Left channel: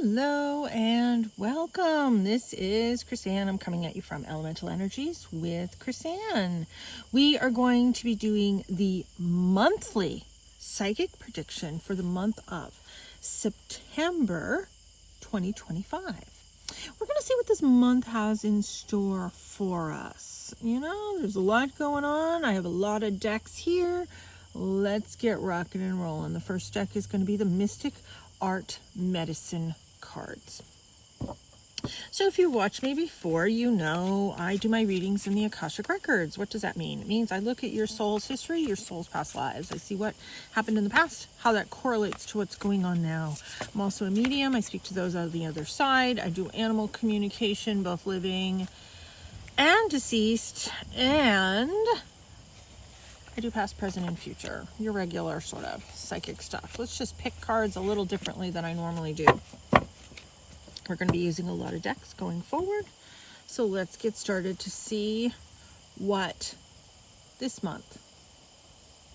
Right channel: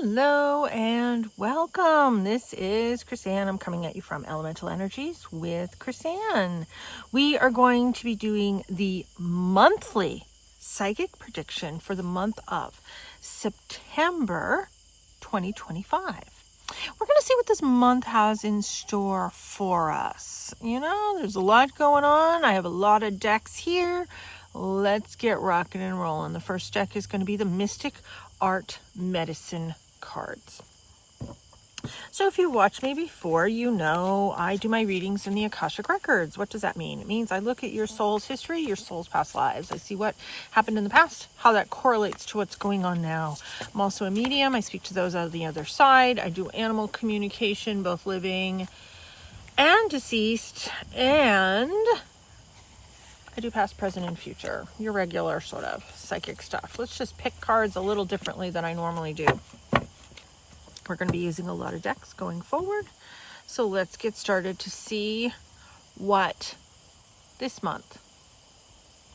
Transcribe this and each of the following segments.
Hello and welcome. This is Chrisanne. I'm coming at you from Elemental Energies with Chrisanne. We are going to be doing the monthly psychic prediction for the month of September 2025. We're going to see what this month has in store for us. You know, there's a lot going on. I have a lot of decks here. Let's get rocking and rolling. The first deck is going to be the Mystic Art Medicine cards. So if you've watched me before, you know I do my readings in the Akashic Records. What does that mean? It means I look at your soul's history, your soul's past lives. I see what happened in the past, how that correlates to what's going on now. I'm also a medium. I speak to those on the other side. I do animal communication, both living and deceased, and I do past, present, and future. Your regular sort of psychic stuff. Let's just pick cards a little differently than I normally do. We're going to be using a lot of decks going forward. So let's get started to see what this month,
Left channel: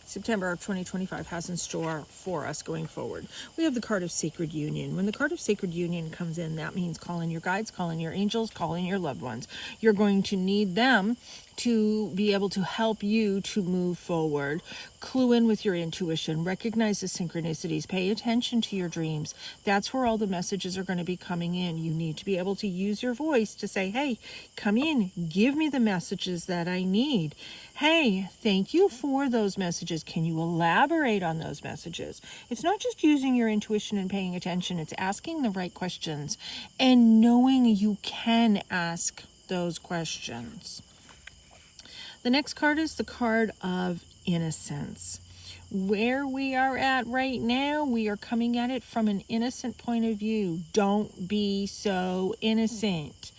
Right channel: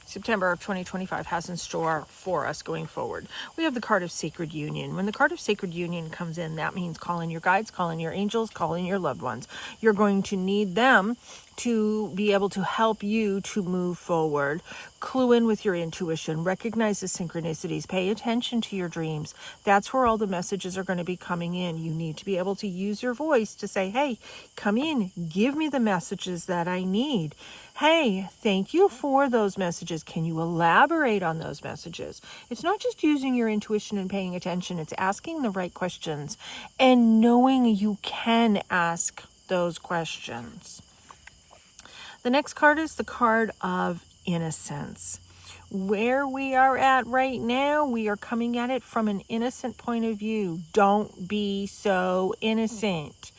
September of 2025, has in store for us going forward. We have the card of Sacred Union. When the card of Sacred Union comes in, that means call in your guides, call in your angels, call in your loved ones. You're going to need them to be able to help you to move forward. Clue in with your intuition, recognize the synchronicities, pay attention to your dreams. That's where all the messages are going to be coming in. You need to be able to use your voice to say, hey, come in, give me the messages that I need. Hey, thank you for those messages. Can you elaborate on those messages? It's not just using your intuition and paying attention. It's asking the right questions and knowing you can ask those questions. The next card is the card of Innocence. Where we are at right now, we are coming at it from an innocent point of view. Don't be so innocent.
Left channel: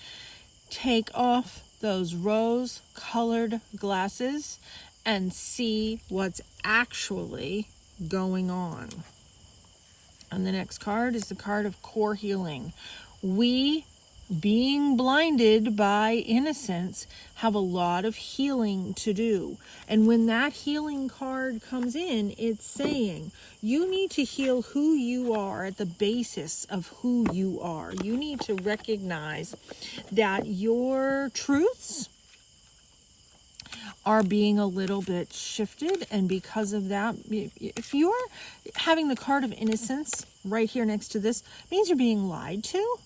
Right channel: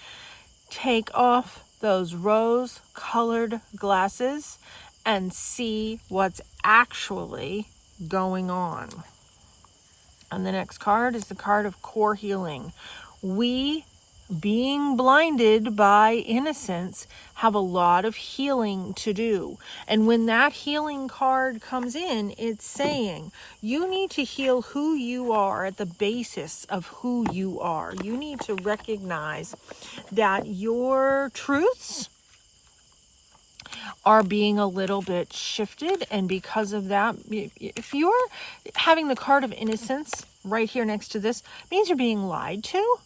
Take off those rose-colored glasses and see what's actually going on. And the next card is the card of Core Healing. We, being blinded by innocence, have a lot of healing to do. And when that healing card comes in, it's saying you need to heal who you are at the basis of who you are. You need to recognize that your truths are being a little bit shifted, and because of that, if you're having the card of Innocence right here next to this, it means you're being lied to.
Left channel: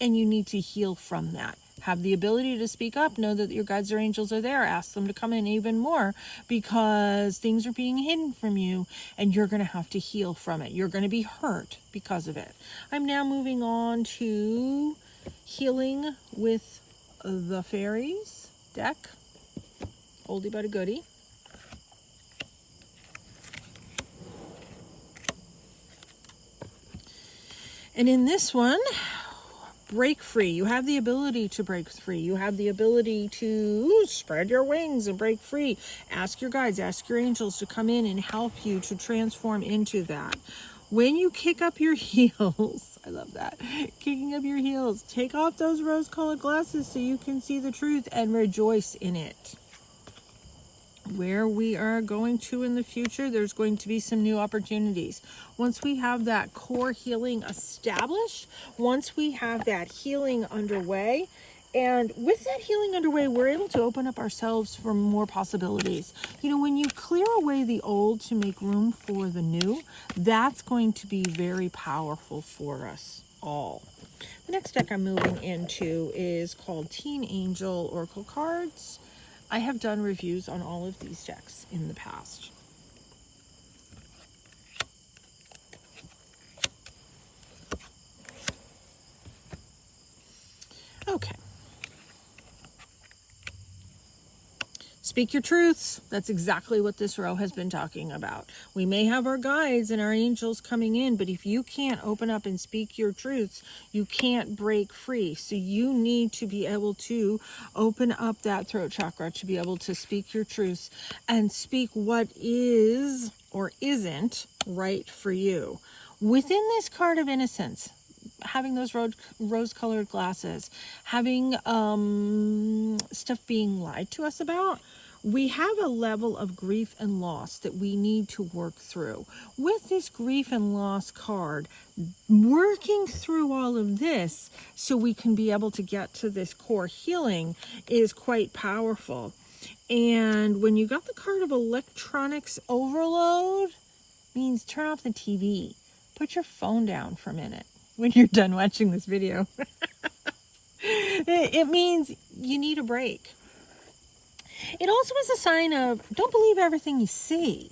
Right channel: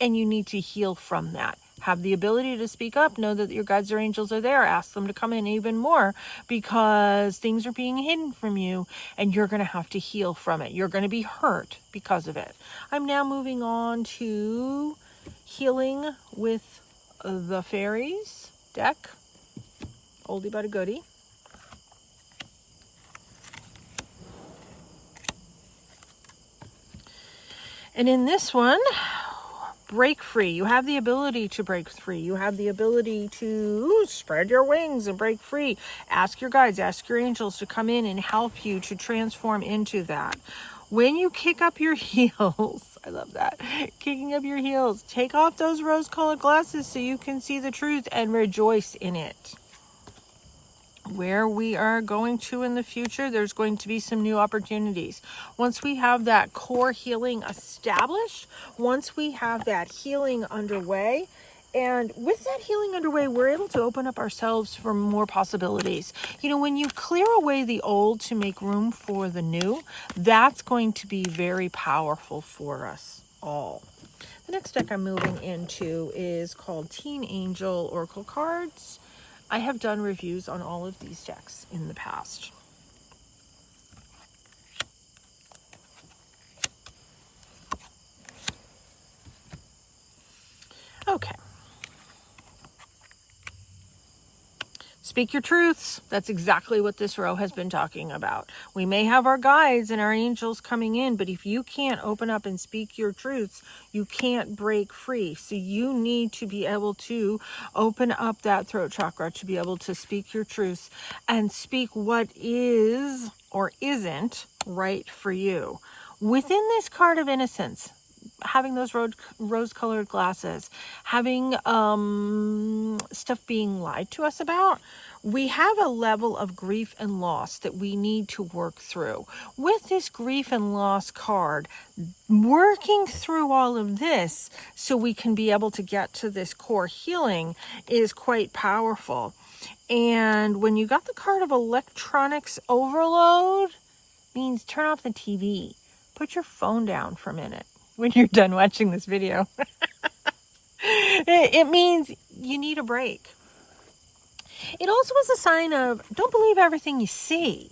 And you need to heal from that. Have the ability to speak up. Know that your guides or angels are there. Ask them to come in even more, because things are being hidden from you and you're going to have to heal from it. You're going to be hurt because of it. I'm now moving on to Healing with the Fairies deck. Oldie but a goodie. And in this one, break free. You have the ability to break free. You have the ability to spread your wings and break free. Ask your guides, ask your angels to come in and help you to transform into that. When you kick up your heels, I love that, kicking up your heels, take off those rose-colored glasses so you can see the truth and rejoice in it. Where we are going to in the future, there's going to be some new opportunities. Once we have that core healing established, once we have that healing underway, and with that healing underway, we're able to open up ourselves for more possibilities. You know, when you clear away the old to make room for the new, that's going to be very powerful for us all. The next deck I'm moving into is called Teen Angel Oracle Cards. I have done reviews on all of these decks in the past. Okay. Speak your truths. That's exactly what this row has been talking about. We may have our guides and our angels coming in, but if you can't open up and speak your truths, you can't break free. So you need to be able to open up that throat chakra to be able to speak your truths and speak what is or isn't right for you. Within this card of Innocence, having those rose-colored glasses, having stuff being lied to us about, We have a level of grief and loss that we need to work through. With this grief and loss card, working through all of this so we can be able to get to this core healing is quite powerful. And when you got the card of electronics overload, means turn off the TV. Put your phone down for a minute when you're done watching this video. It means you need a break. It also is a sign of don't believe everything you see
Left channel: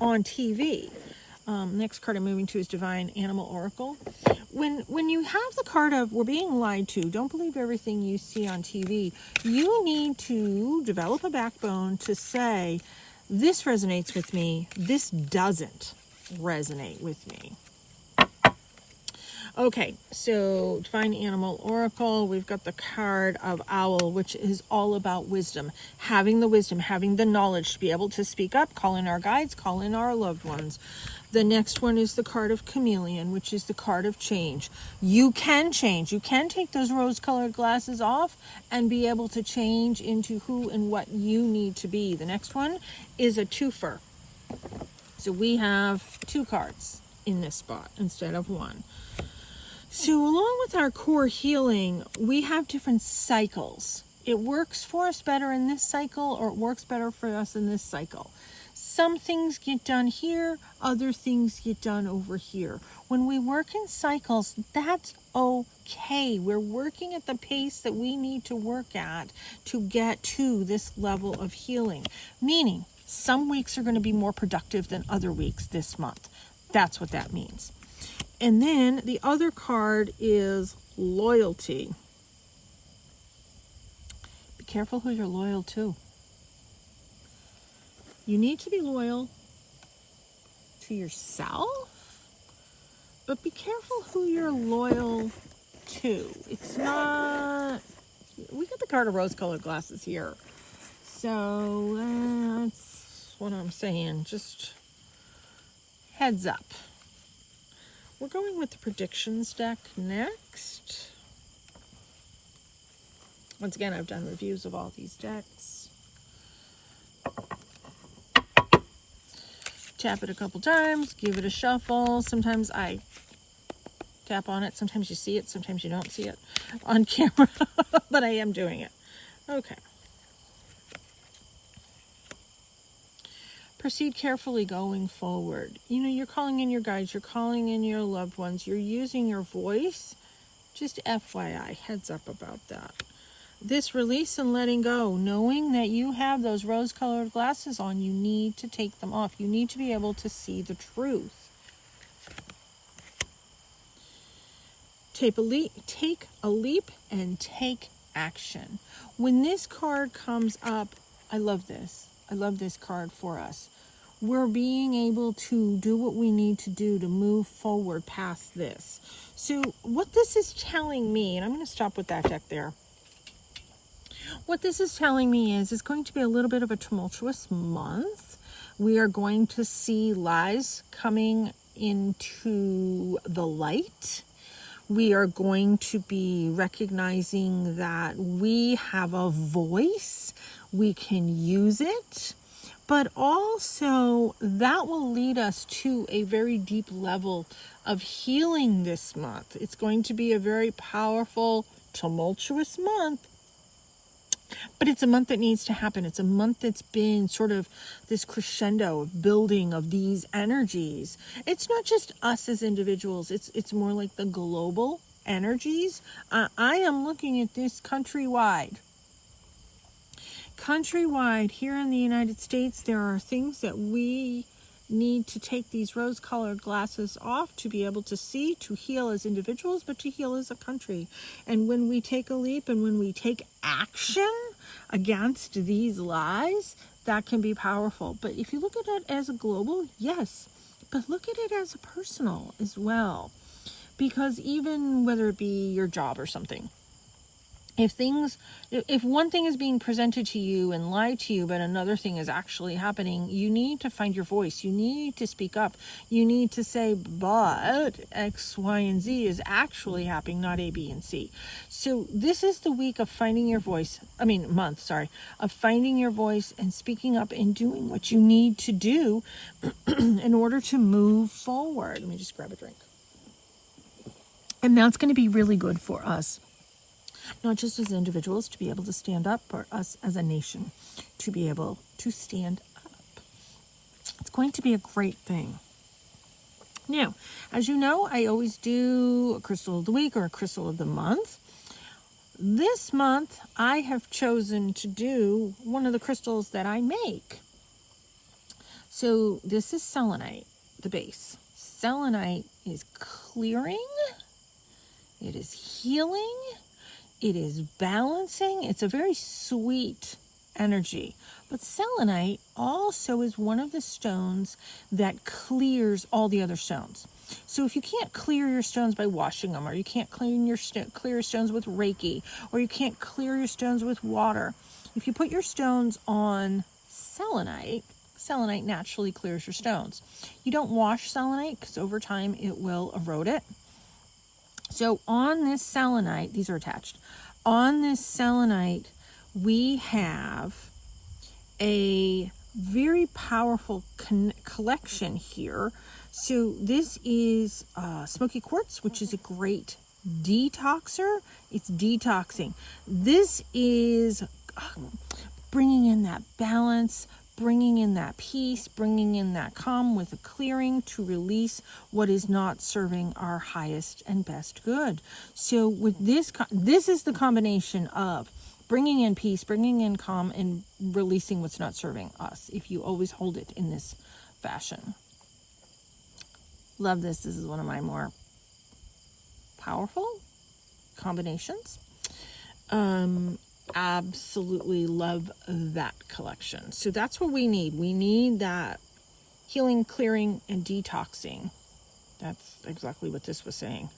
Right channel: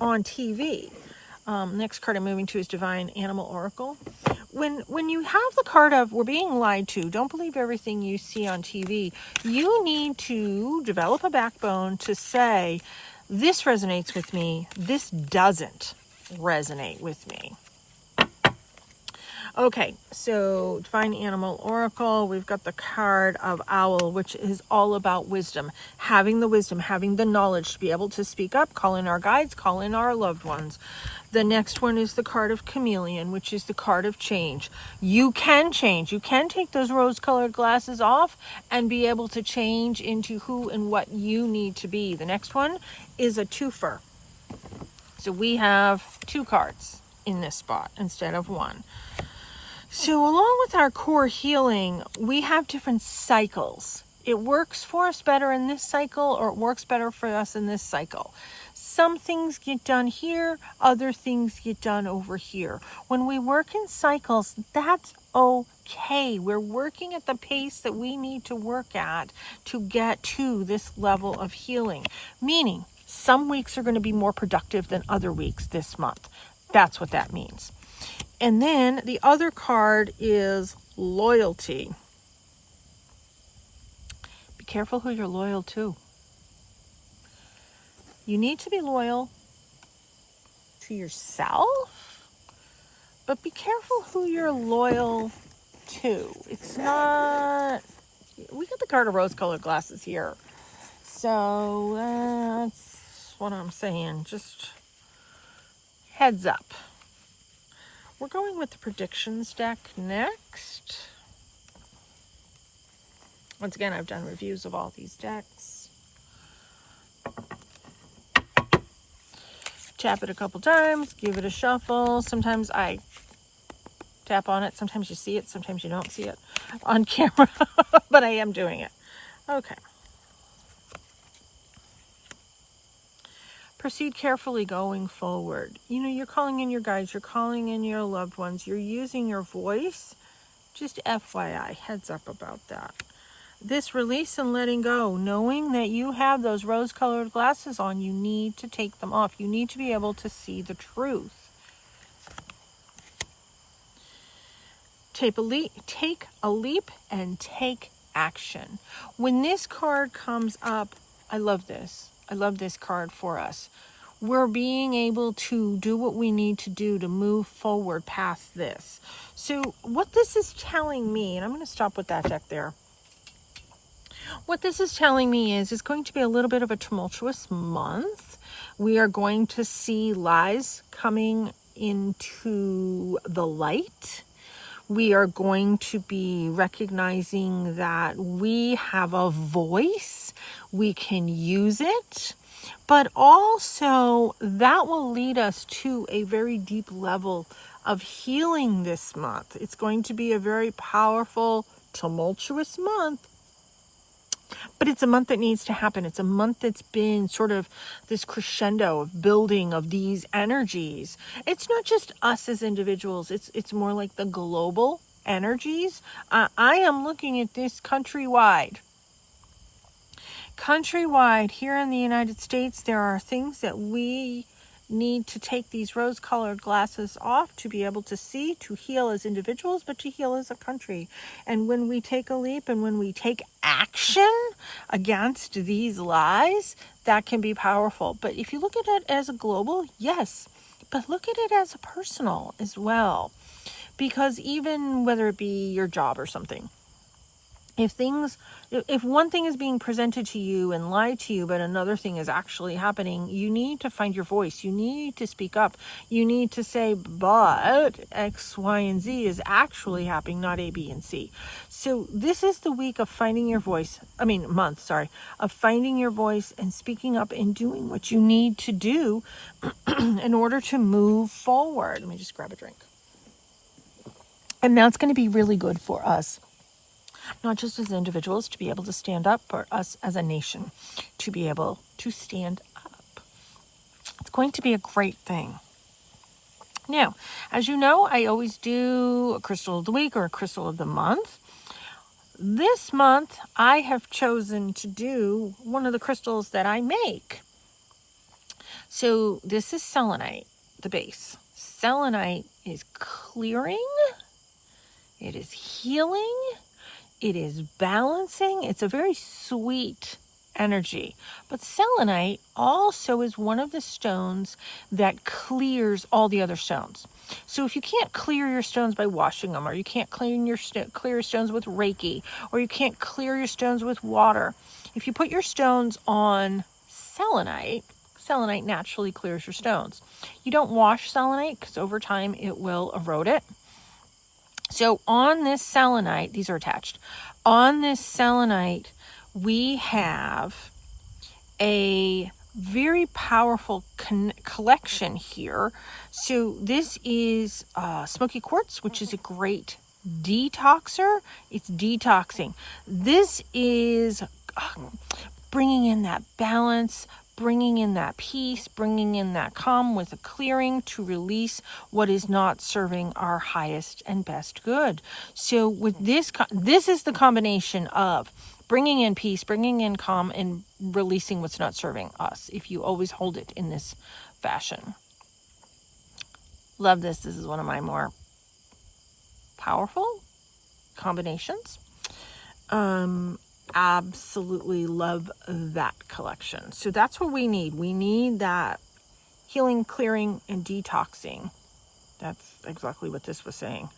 on TV. Next card I'm moving to is Divine Animal Oracle. When you have the card of we're being lied to, don't believe everything you see on TV, you need to develop a backbone to say, this resonates with me, this doesn't resonate with me. Okay, so Divine Animal Oracle, we've got the card of Owl, which is all about wisdom, having the knowledge to be able to speak up, call in our guides, call in our loved ones. The next one is the card of Chameleon, which is the card of change. You can change. You can take those rose-colored glasses off and be able to change into who and what you need to be. The next one is a twofer. So we have 2 cards in this spot instead of 1. So along with our core healing, we have different cycles. It works for us better in this cycle, or it works better for us in this cycle. Some things get done here, other things get done over here. When we work in cycles, that's okay. We're working at the pace that we need to work at to get to this level of healing. Meaning, some weeks are going to be more productive than other weeks this month. That's what that means. And then the other card is loyalty. Be careful who you're loyal to. You need to be loyal to yourself, but be careful who you're loyal to. It's not, we got the card of rose-colored glasses here. So that's what I'm saying. Just heads up. We're going with the predictions deck next. Once again, I've done reviews of all these decks. Tap it a couple times, give it a shuffle. Sometimes I tap on it. Sometimes you see it. Sometimes you don't see it on camera, but I am doing it. Okay. Proceed carefully going forward. You know, you're calling in your guides, you're calling in your loved ones, you're using your voice. Just FYI, heads up about that. This release and letting go, knowing that you have those rose-colored glasses on, you need to take them off. You need to be able to see the truth. Take a leap and take action. When this card comes up, I love this. I love this card for us. We're being able to do what we need to do to move forward past this. So what this is telling me, and I'm going to stop with that deck there. What this is telling me is it's going to be a little bit of a tumultuous month. We are going to see lies coming into the light. We are going to be recognizing that we have a voice. We can use it, but also that will lead us to a very deep level of healing this month. It's going to be a very powerful, tumultuous month, but it's a month that needs to happen. It's a month that's been sort of this crescendo of building of these energies. It's not just us as individuals. It's more like the global energies. I am looking at this countrywide. Countrywide, here in the United States, there are things that we need to take these rose-colored glasses off to be able to see, to heal as individuals, but to heal as a country. And when we take a leap and when we take action against these lies, that can be powerful. But if you look at it as a global, yes, but look at it as a personal as well. Because even whether it be your job or something, if one thing is being presented to you and lied to you, but another thing is actually happening, you need to find your voice. You need to speak up. You need to say, but X, Y, and Z is actually happening, not A, B, and C. So this is the week of finding your voice. Month, sorry, of finding your voice and speaking up and doing what you need to do in order to move forward. Let me just grab a drink. And that's going to be really good for us, not just as individuals to be able to stand up, but us as a nation to be able to stand up. It's going to be a great thing. Now, as you know, I always do a crystal of the week or a crystal of the month. This month, I have chosen to do one of the crystals that I make. So this is selenite, the base. Selenite is clearing. It is healing. It is balancing. It's a very sweet energy. But selenite also is one of the stones that clears all the other stones. So if you can't clear your stones by washing them, or you can't clear your stones with Reiki, or you can't clear your stones with water, if you put your stones on selenite, selenite naturally clears your stones. You don't wash selenite because over time it will erode it. So on this selenite, these are attached. On this selenite, we have a very powerful collection here. So this is Smoky Quartz, which is a great detoxer. It's detoxing. This is bringing in that balance, bringing in that peace, bringing in that calm with a clearing to release what is not serving our highest and best good. So with this is the combination of bringing in peace, bringing in calm, and releasing what's not serving us, if you always hold it in this fashion. Love this. This is one of my more powerful combinations. Absolutely love that collection. So that's what we need. We need that healing, clearing, and detoxing. That's exactly what this was saying.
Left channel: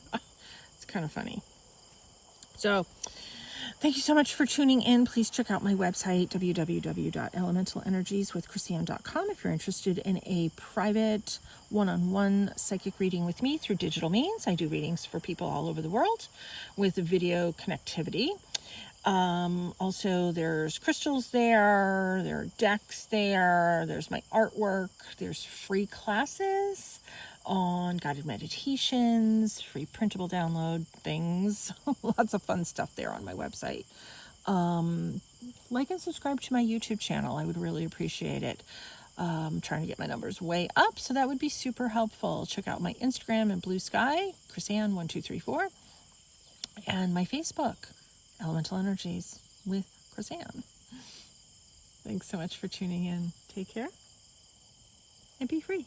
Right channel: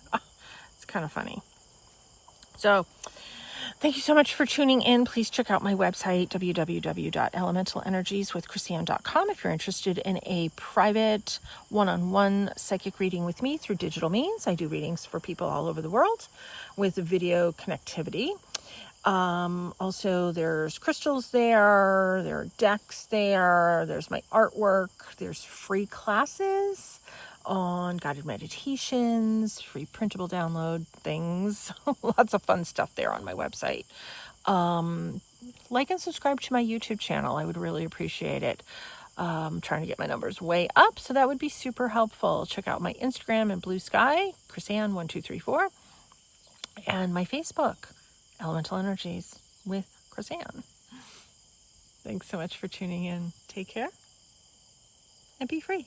It's kind of funny. So thank you so much for tuning in. Please check out my website, www.elementalenergieswithchrisanne.com, if you're interested in a private one-on-one psychic reading with me through digital means. I do readings for people all over the world with video connectivity. Also, there's crystals there are decks there's my artwork, there's free classes on guided meditations, free printable download things, lots of fun stuff there on my website. Like and subscribe to my YouTube channel. I would really appreciate it. Trying to get my numbers way up, so that would be super helpful. Check out my Instagram and Blue Sky, chrisanne1234, and my Facebook, Elemental Energies with Chrisanne. Thanks so much for tuning in. Take care and be free.